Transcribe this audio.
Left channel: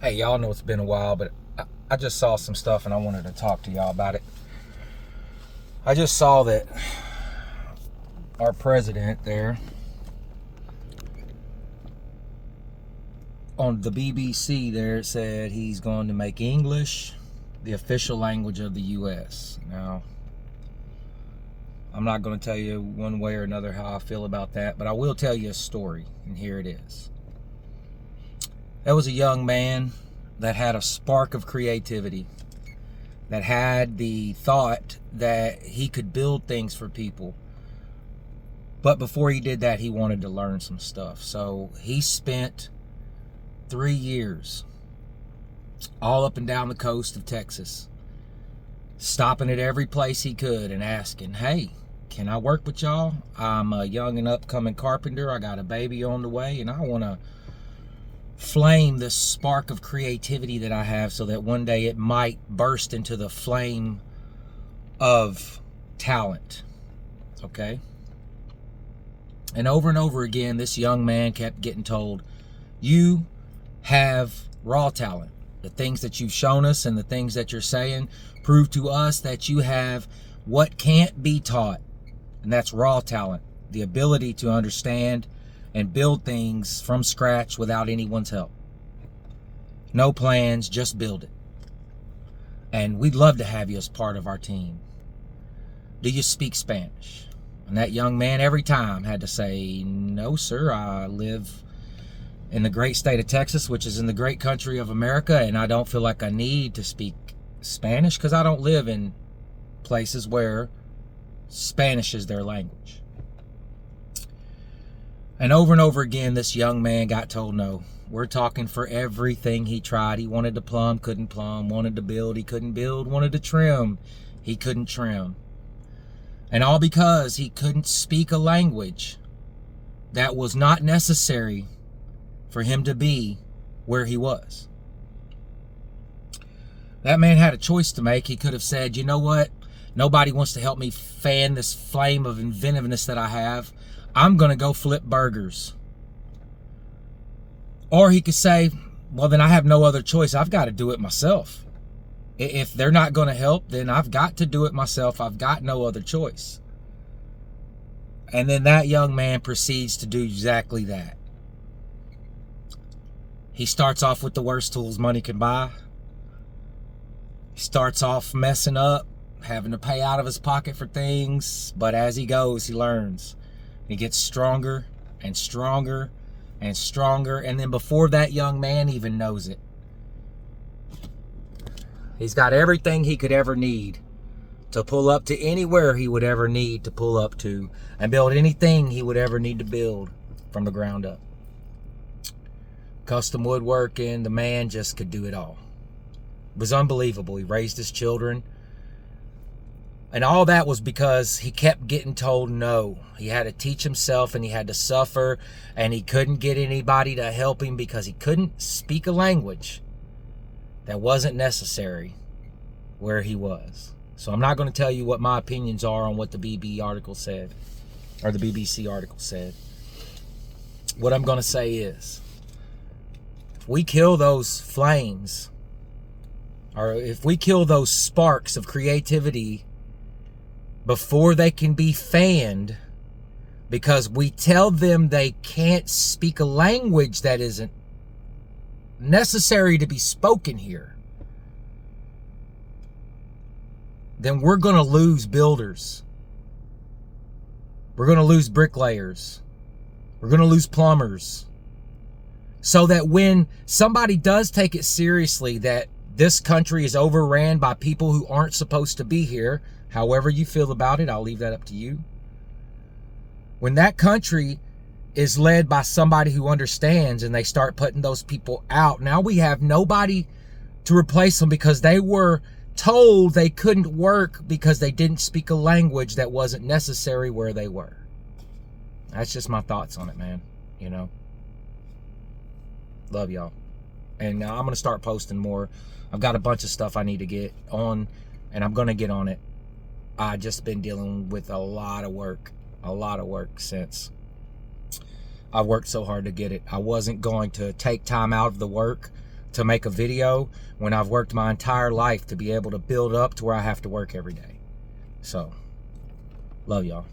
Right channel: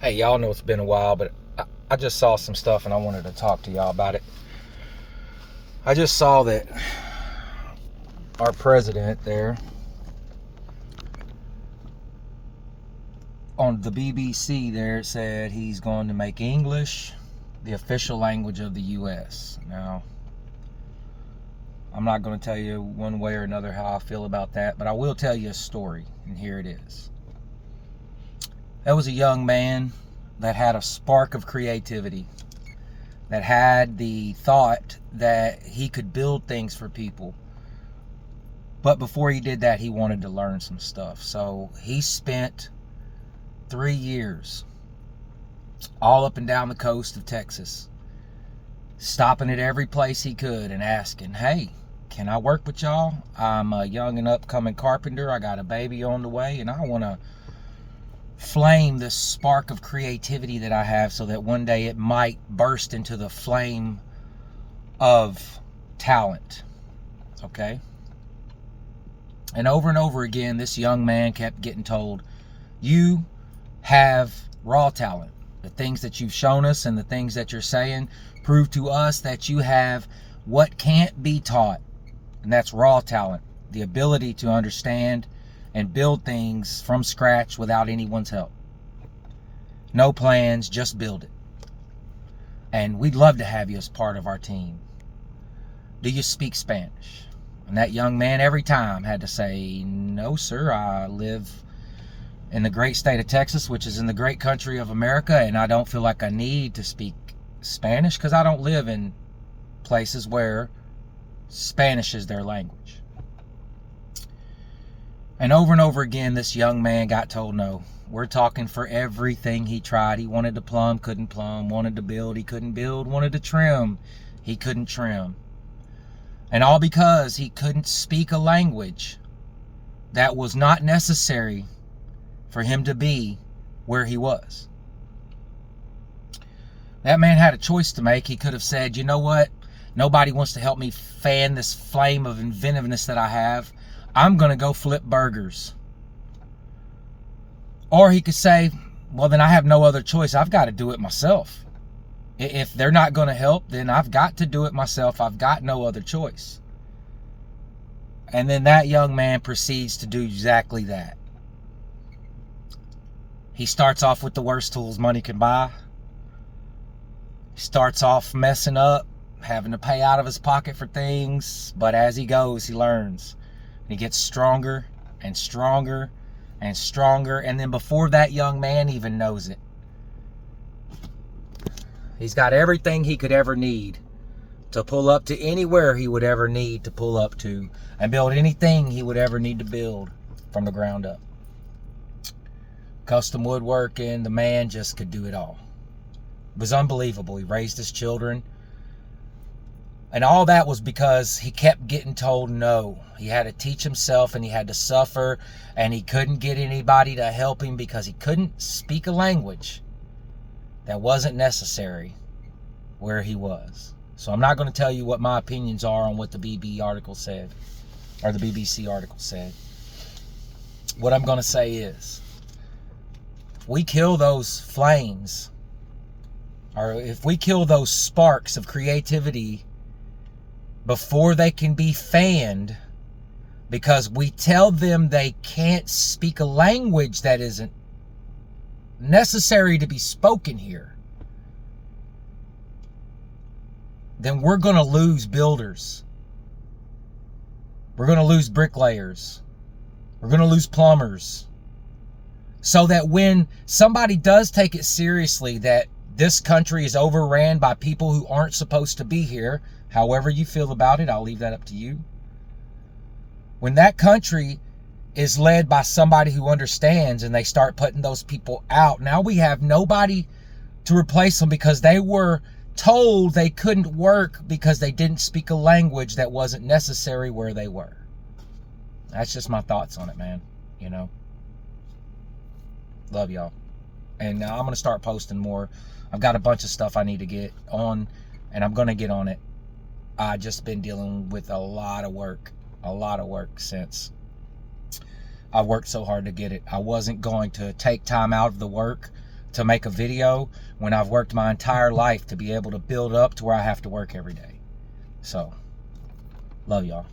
Hey, y'all know it's been a while, but I just saw some stuff and I wanted to talk to y'all about it. I just saw that our president there on the BBC there said he's going to make English the official language of the U.S. Now, I'm not going to tell you one way or another how I feel about that, but I will tell you a story, and here it is. There was a young man that had a spark of creativity, that had the thought that he could build things for people. But before he did that, he wanted to learn some stuff. So he spent 3 years all up and down the coast of Texas, stopping at every place he could and asking, hey, can I work with y'all? I'm a young and upcoming carpenter. I got a baby on the way, and I want to flame this spark of creativity that I have so that one day it might burst into the flame of talent. Okay? And over again, this young man kept getting told, you have raw talent. The things that you've shown us and the things that you're saying prove to us that you have what can't be taught. And that's raw talent. The ability to understand and build things from scratch without anyone's help. No plans, just build it. And we'd love to have you as part of our team. Do you speak Spanish? And that young man every time had to say, no, sir, I live in the great state of Texas, which is in the great country of America, and I don't feel like I need to speak Spanish because I don't live in places where Spanish is their language. And over again, this young man got told no. We're talking for everything he tried. He wanted to plumb, couldn't plumb. Wanted to build, he couldn't build. Wanted to trim, he couldn't trim. And all because he couldn't speak a language that was not necessary for him to be where he was. That man had a choice to make. He could have said, you know what? Nobody wants to help me fan this flame of inventiveness that I have. I'm going to go flip burgers. Or he could say, well, then I have no other choice. I've got to do it myself. If they're not going to help, then I've got to do it myself. I've got no other choice. And then that young man proceeds to do exactly that. He starts off with the worst tools money can buy. He starts off messing up, having to pay out of his pocket for things. But as he goes, he learns. He gets stronger and stronger and stronger. And then before that young man even knows it, he's got everything he could ever need to pull up to anywhere he would ever need to pull up to and build anything he would ever need to build from the ground up. Custom woodworking, the man just could do it all. It was unbelievable. He raised his children. And all that was because he kept getting told no. He had to teach himself and he had to suffer, and he couldn't get anybody to help him because he couldn't speak a language that wasn't necessary where he was. So I'm not going to tell you what my opinions are on what the BBC article said. What I'm going to say is, if we kill those flames, or if we kill those sparks of creativity before they can be fanned, because we tell them they can't speak a language that isn't necessary to be spoken here, then we're going to lose builders. We're going to lose bricklayers. We're going to lose plumbers. So that when somebody does take it seriously that this country is overran by people who aren't supposed to be here, however you feel about it, I'll leave that up to you. When that country is led by somebody who understands and they start putting those people out, now we have nobody to replace them because they were told they couldn't work because they didn't speak a language that wasn't necessary where they were. That's just my thoughts on it, man. You know, love y'all. And I'm going to start posting more. I've got a bunch of stuff I need to get on, and I'm going to get on it. I've just been dealing with a lot of work since I've worked so hard to get it. I wasn't going to take time out of the work to make a video when I've worked my entire life to be able to build up to where I have to work every day. So, love y'all.